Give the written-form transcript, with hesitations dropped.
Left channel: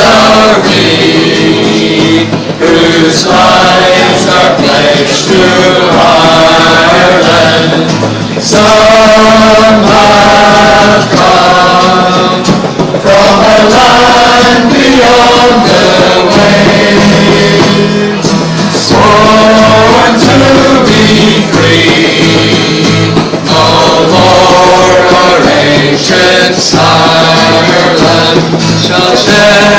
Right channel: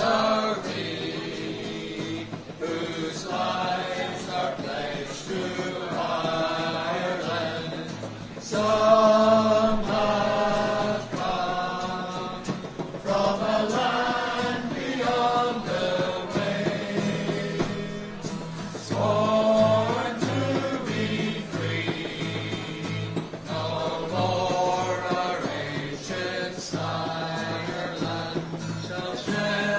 are we, whose lives are pledged to Ireland. Some have come from a land beyond the waves, sworn to be free. No more our ancient Ireland shall share